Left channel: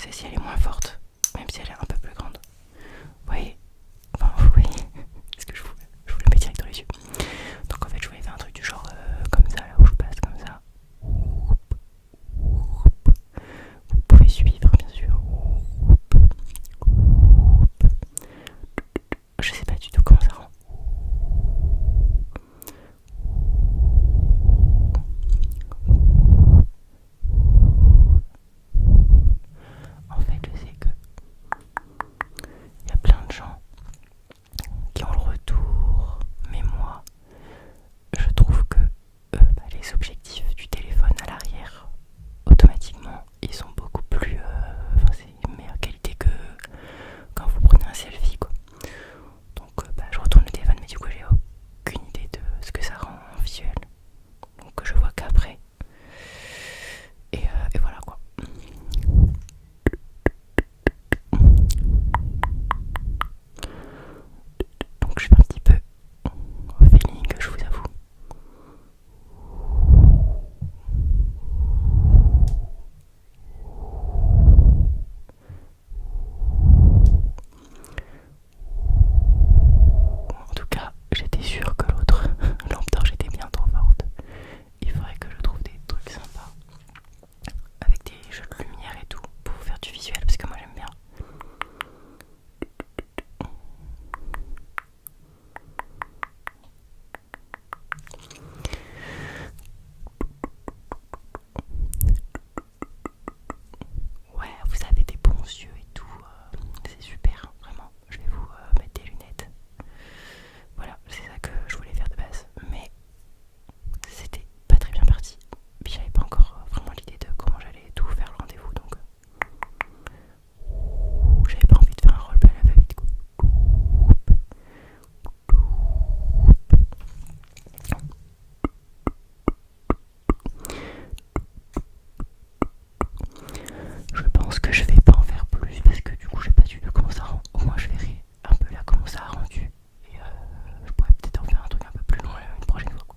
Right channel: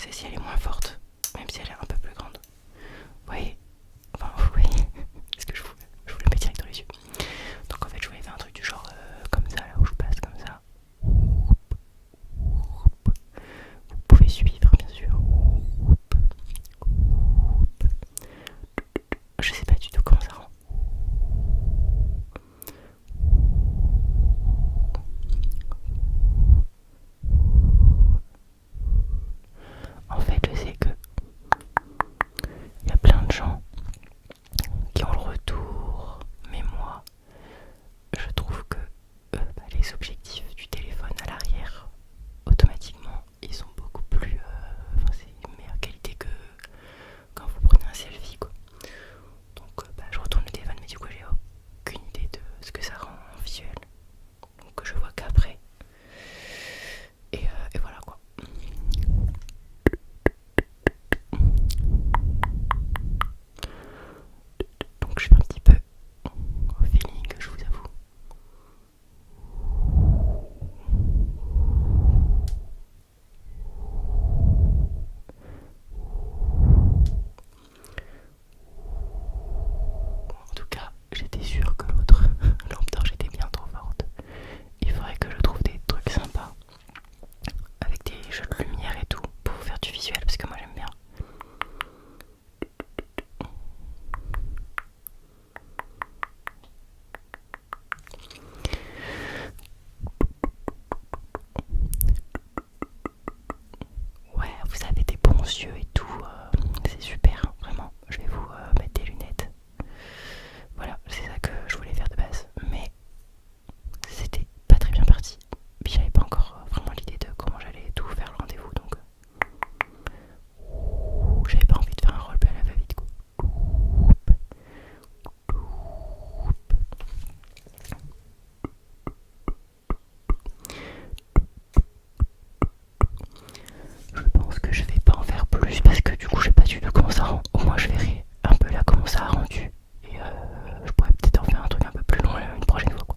Celle-ci elle est moins forte, même si elle est un peu plus grande. Vous voyez, enfin vous voyez ce que je vous le mets direct dans les yeux. Donc en fait je voulais faire un truc du genre comme ça, là où je passe comme ça. Vous pouvez suivre bien sûr. Je sais pas du tout comment ça rend. En fait je sais que il y a plein de gens qui ont le retour, mais moi je trouve que les objectifs du téléphone à l'arrière automatiquement ils sont beaucoup plus enfin c'est une meilleure qualité que quand vous prenez un selfie quoi. Donc je retourne le téléphone mais du coup j'ai aucune idée de ce que ça rend en visuel, donc je vois qu'après et voilà quoi. Donc je fais un petit peu au feeling, je vous avoue. En tout cas, j'étais sûre que l'autre lampe torche était bien trop forte. Il faudrait que je trouve des trucs sympas avec des jeux de lumière et tout pour faire du visuel parce que moi j'aime bien. Ouais, vous avez des bons yeux et tout, c'est super, vraiment. Je vais vous mettre des lunettes. Voilà, c'est ça que je voulais faire de base, mais c'était pas très bien parti. Puis j'avais pas encore vraiment l'idée de comment j'allais tout faire le rendez-vous, donc j'avais pas envie de faire un roleplay à la va-vite quoi. Je pense que je vais pas en faire plus parce que du coup je sais pas du tout comment ça rend. Au moins je verrai un peu là comment ça a rendu et je pourrais peut-être en faire un truc un peu plus long une prochaine fois quoi.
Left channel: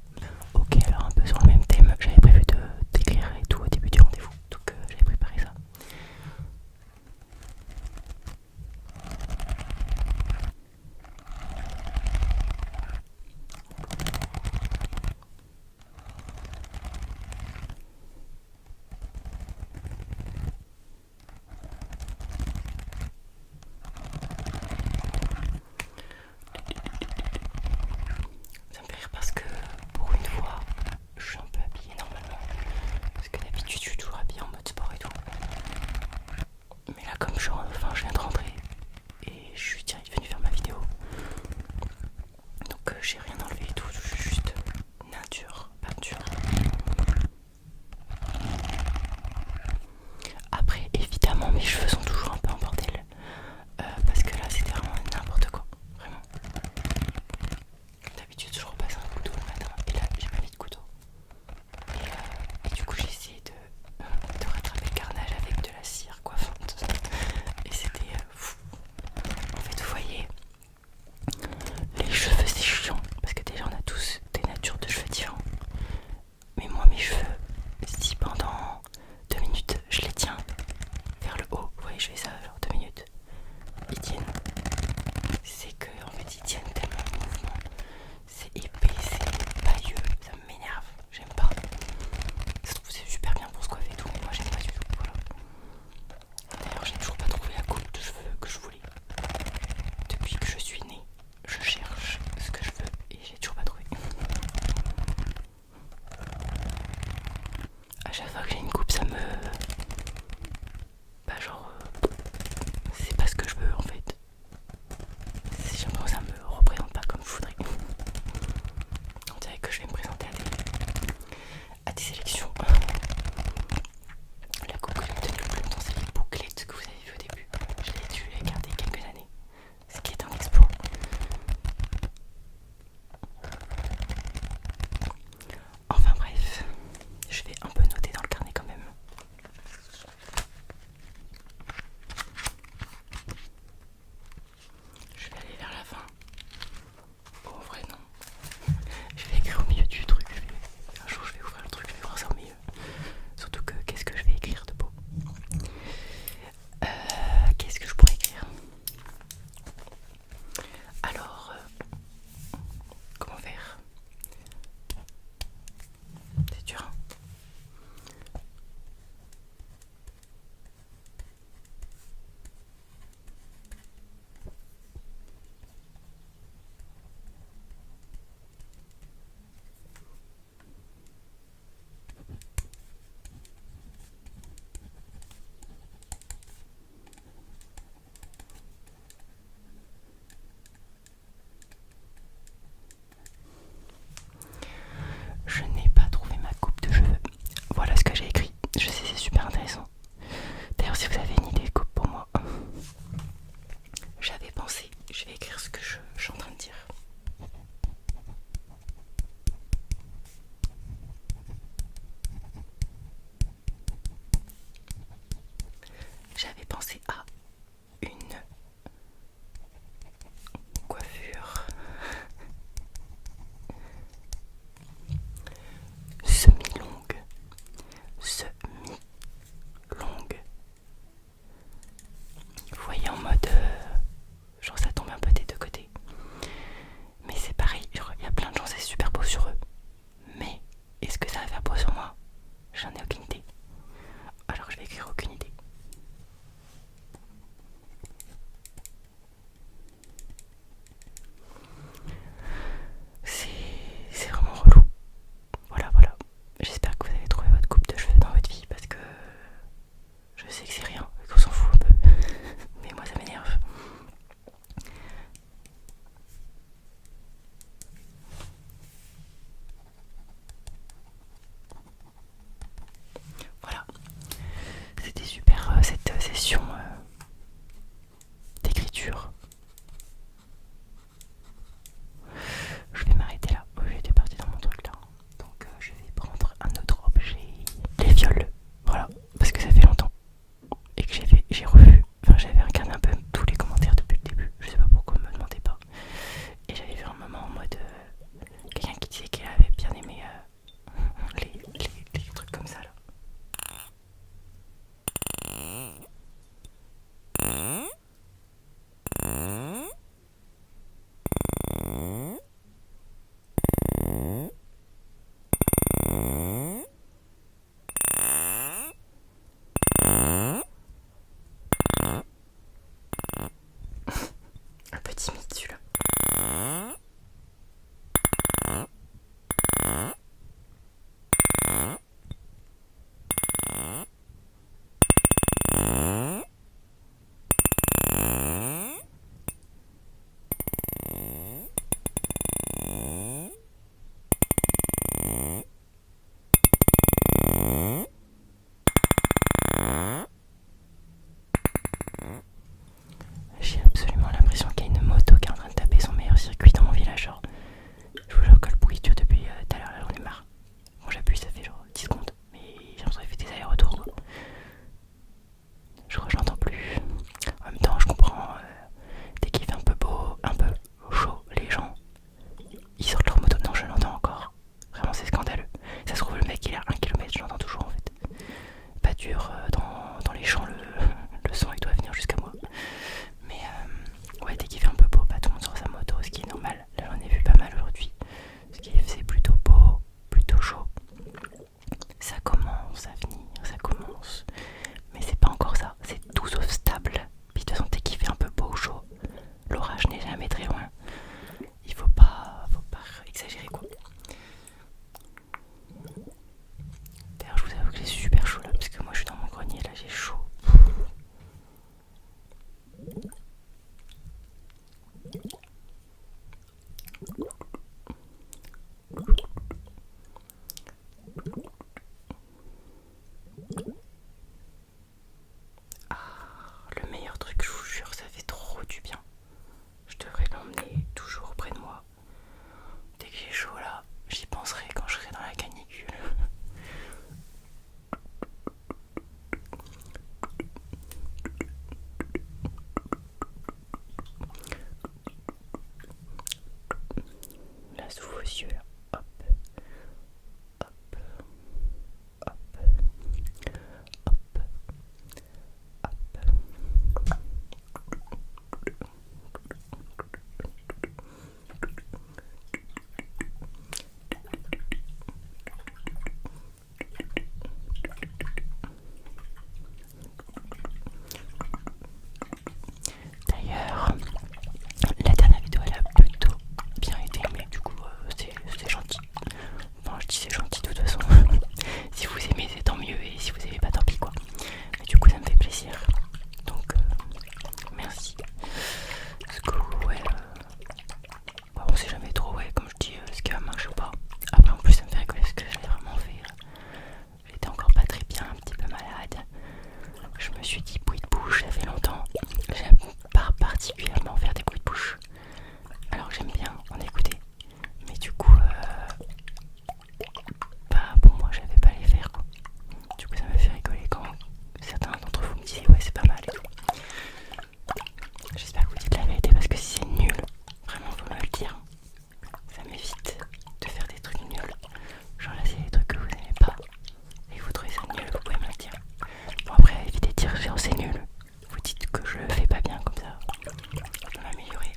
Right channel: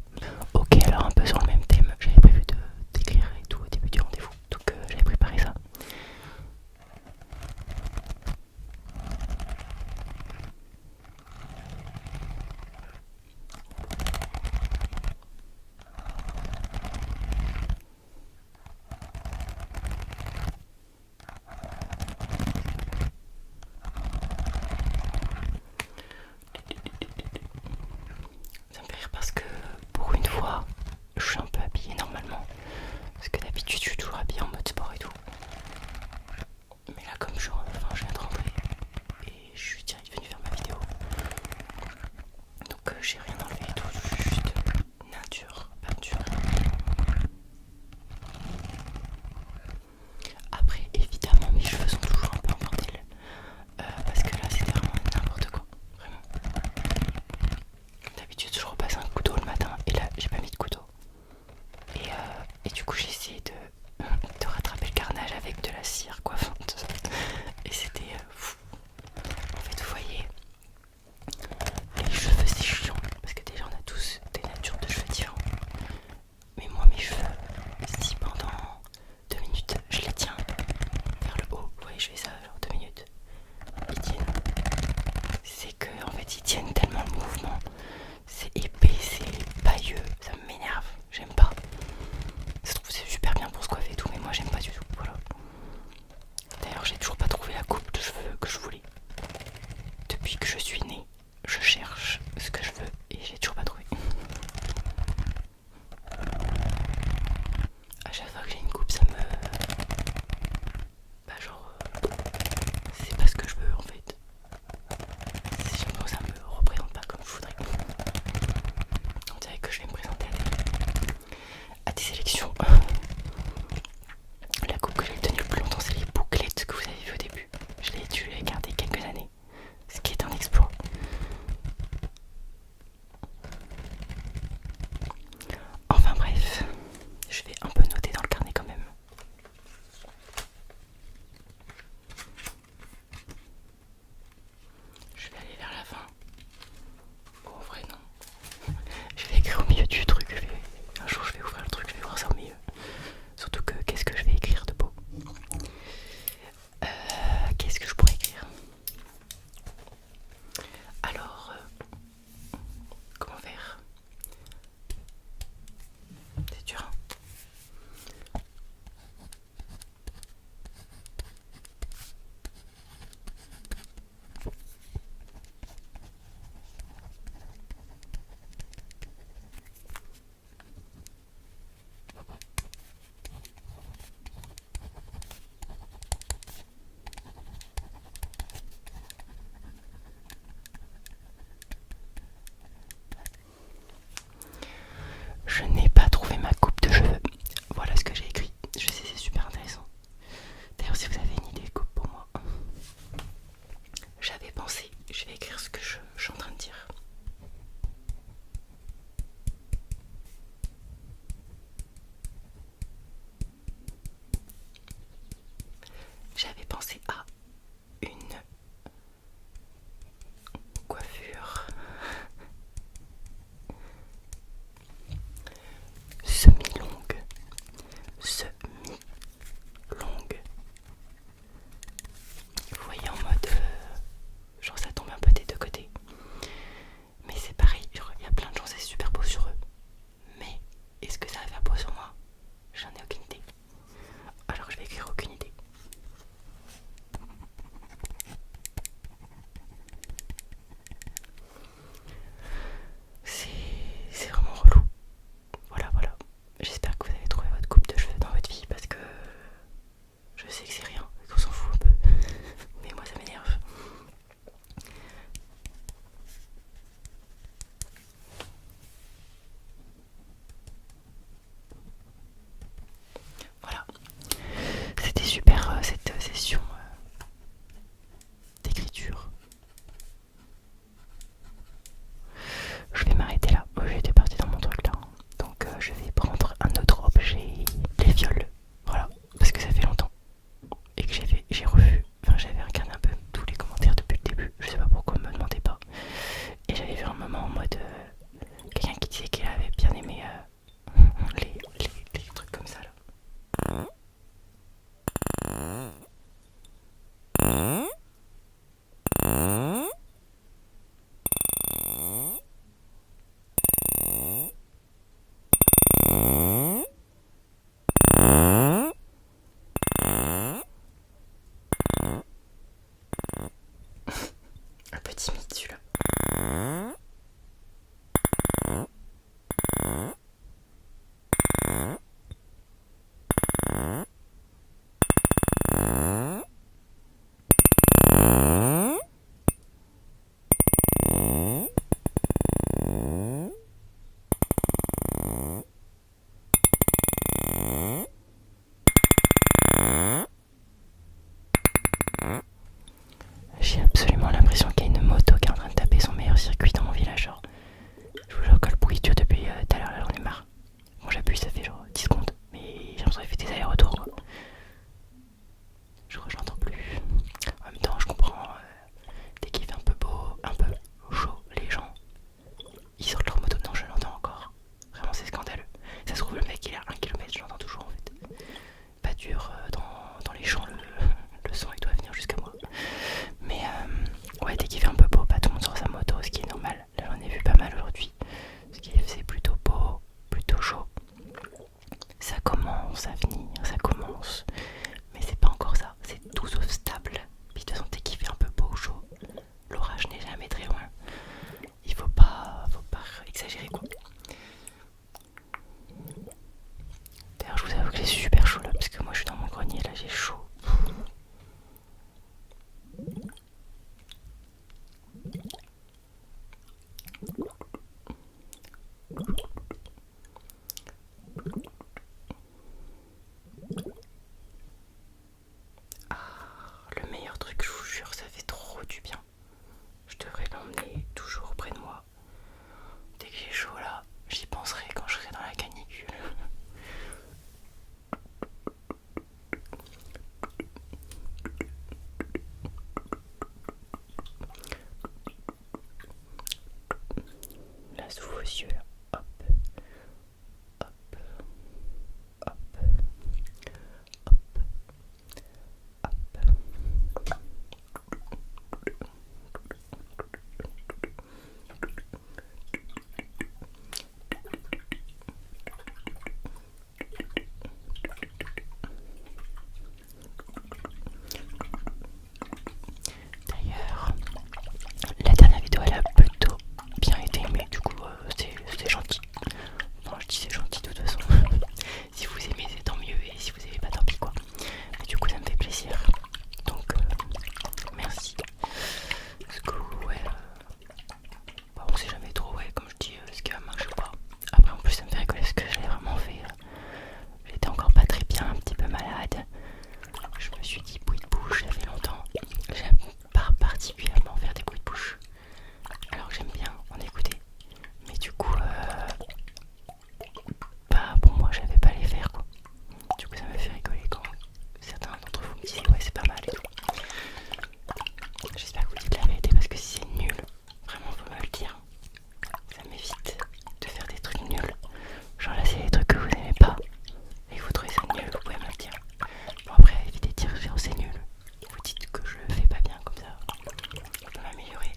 Ok, alors un peu sur le même thème, j'avais prévu de d'écrire et tout au début du rendez-vous, donc j'avais préparé ça. Ça me fait rire parce que pour une fois, je suis un peu habillée normalement. Parce que d'habitude, je suis toujours habillée en mode sport et tout. Mais là, comme je viens de rentrer et je suis direct venu faire ma vidéo. Donc j'ai rien enlevé et tout, juste nature, peinture. Après, évidemment, mes cheveux sont toujours un peu en bordel. Parce que là, c'était vraiment n'importe quoi. Vraiment. D'habitude, je repasse un couteau le matin et là, j'ai pas mis de couteau. Et du coup, j'ai essayé de rattraper le carnage avec de la cire coiffante. Et c'était fou. En fait, vous voyez, les cheveux c'est chiant. Parce que déjà, on a tous des natures de cheveux différents. Mais moi, mes cheveux, si pendant 2 minutes je les tiens vers le haut, vous voyez, je fais ça genre 2 minutes, ils tiennent. C'est que en fait, ils tiennent tellement le mouvement. C'est épais, c'est pailleux, ça m'énerve, j'aime pas. Je trouve que c'est super bien pour se coiffer et tout, mais moi j'aime pas du tout. Voilà. D'ailleurs, j'ai toujours pas trouvé la coupe de cheveux que je voulais. Depuis que je suis née, je cherche ce que je veux et j'ai toujours pas trouvé. À chaque fois que j'ai une coupe, ça me... Bah genre... les yeux là. Hop, hop, hop, hop, hop. D'ailleurs, la dernière vidéo elle a plutôt bien été, mais du coup c'est gentil. Enfin je dis c'est gentil de toute façon. Si vous aimez c'est tant mieux, et si vous aimez pas tant pis quoi. Mais du coup ça me fait plaisir. Donc merci. Parce que ouais, bah, on sait jamais trop, ouais, comme je dis, ce qui va marcher ou pas. Après en plus ça me fait rigoler ce que j'allais vraiment faire. J'étais encore pas très bien, un petit peu malade. Je me suis dit bruit de bouche, ça fait longtemps. J'aime pas particulièrement faire des bruits de bouche. Alors j'aime bien en écouter. Mais du coup, bah pour moi j'avais pas les faire quoi. Du coup ça me fait rigoler quand certains d'entre vous me disaient ouais c'est pas mal et tout. J'espère que vous dites la vérité parce que si c'est nul, vraiment faut me le dire. Ça m'évite de faire des trucs nuls. Genre là c'est des trucs que vous aimez pas et que vous trouvez ça nul, vous pouvez me le dire. Bon après évitez de dire genre c'est nul. Vous dites que je le fais pas bien comme ça. Je peux m'améliorer.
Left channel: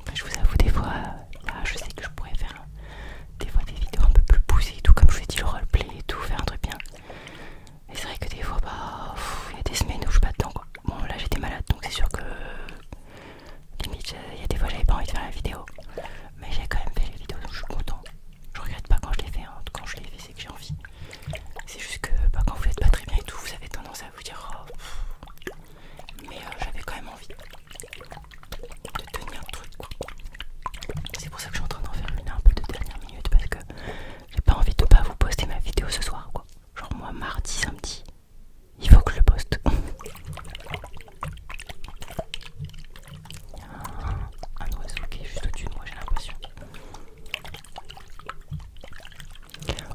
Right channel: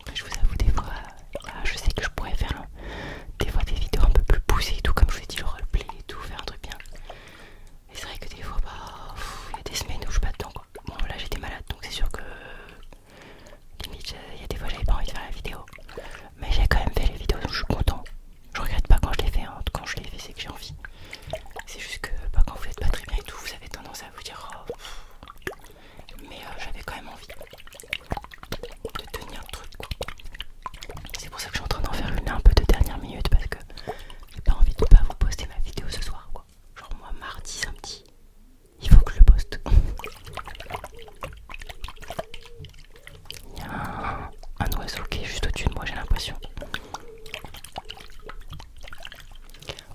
Après je vous avoue des fois, là je sais que je pourrais faire des fois des vidéos un peu plus poussées et tout, comme je vous ai dit le roleplay et tout, faire un truc bien. Mais c'est vrai que des fois bah il y a des semaines où je suis pas dedans quoi. Bon là j'étais malade donc c'est sûr que limite il y a des fois j'avais pas envie de faire la vidéo. Mais j'ai quand même fait les vidéos donc je suis content. Je regrette pas quand je les fais, hein. Quand je les fais c'est que j'ai envie. C'est juste que bah, quand vous êtes pas très bien et tout, vous avez tendance à vous dire oh, mais j'avais quand même envie de tenir le truc quoi. C'est pour ça que je suis en train d'en faire une un peu de dernière minute parce que j'ai pas envie de pas vous poster ma vidéo ce soir quoi. Genre moi mardi, samedi, il faut que je le poste. Il y a un oiseau qui est juste au-dessus de moi j'ai l'impression.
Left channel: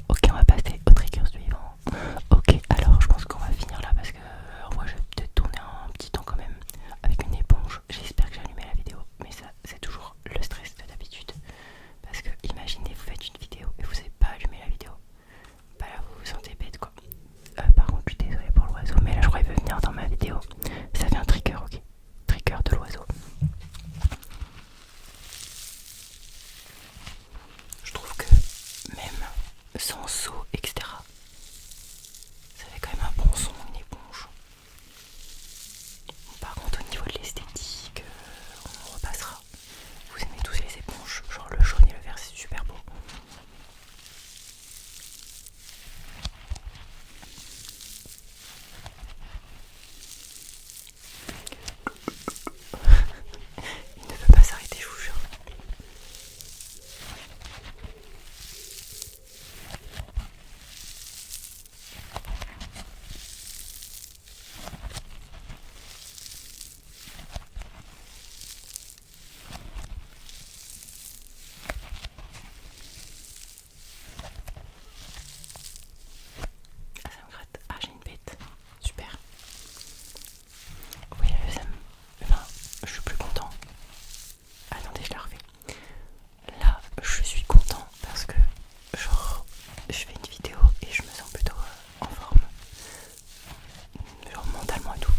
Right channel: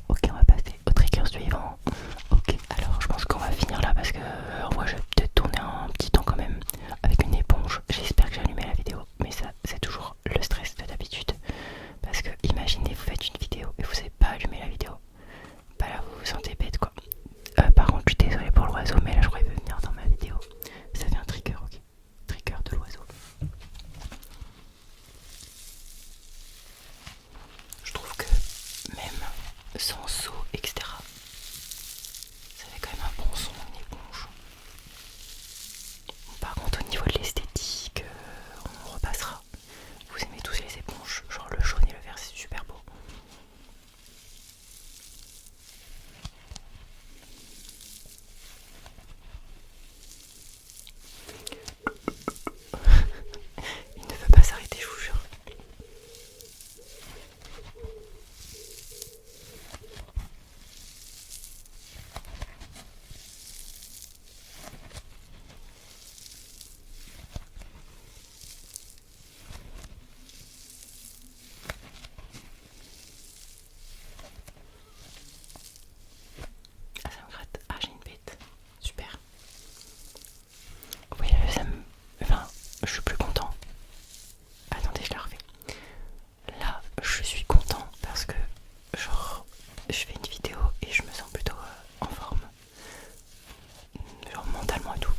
Ok on va passer au trigger suivant. Ok alors je pense qu'on va finir là parce que moi je vais peut-être tourner un petit temps quand même avec une éponge. J'espère que j'ai allumé la vidéo mais ça c'est toujours le stress de d'habitude. Parce que imaginez vous faites une vidéo et vous savez pas allumer la vidéo. Bah là vous vous sentez bête quoi. Par contre je suis désolée pour l'oiseau mais là je crois qu'il veut venir dans ma vidéo. Ça fait un trigger ok. Trigger de l'oiseau. Je trouve que même sans saut etc. Ça fait quand même un bon son une éponge. Par contre au niveau de l'esthétique on repassera. Vous aimez tous les éponges, genre le jaune et le vert c'est super beau. Il ne veut pas s'arrêter je vous jure. Ah ça me gratte, ah j'ai une bête, super. Oui ça me... Enfin je suis plus content. Attendez je la refais. Là je suis content parce que genre je fais une vidéo et je me sens plutôt en forme. Genre mentalement et tout.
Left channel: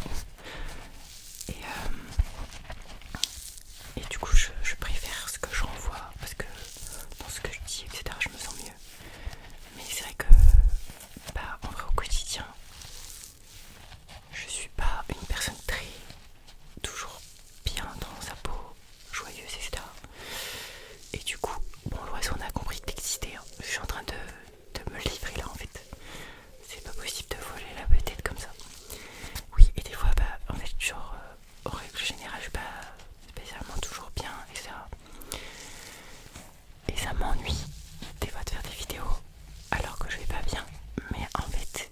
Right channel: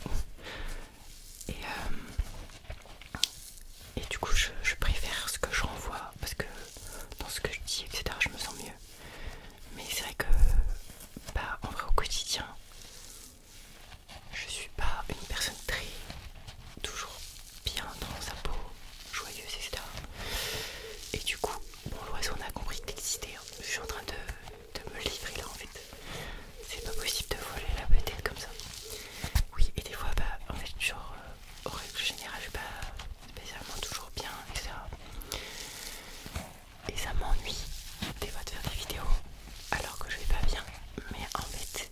Et du coup je préfère ce que je renvoie parce que dans ce que je dis etc je me sens mieux. Mais c'est vrai que bah en vrai au quotidien je suis pas une personne très toujours bien dans sa peau, joyeuse etc. Et du coup bon l'oiseau on a compris que t'existais hein. Je suis en train de me livrer là en fait. C'est pas possible de voler la vedette comme ça. Oui et des fois bah en fait genre en règle générale je suis pas spécialement toujours bien etc. Et ça m'ennuie des fois de faire des vidéos alors que je vais pas bien. Mais en fait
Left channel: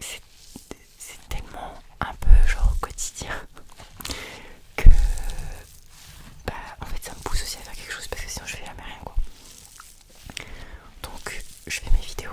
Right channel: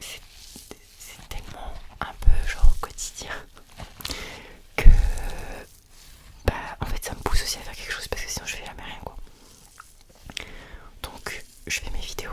c'est tellement un peu genre quotidien que bah en fait ça me pousse aussi à faire quelque chose parce que sinon je fais jamais rien quoi. Donc je fais mes vidéos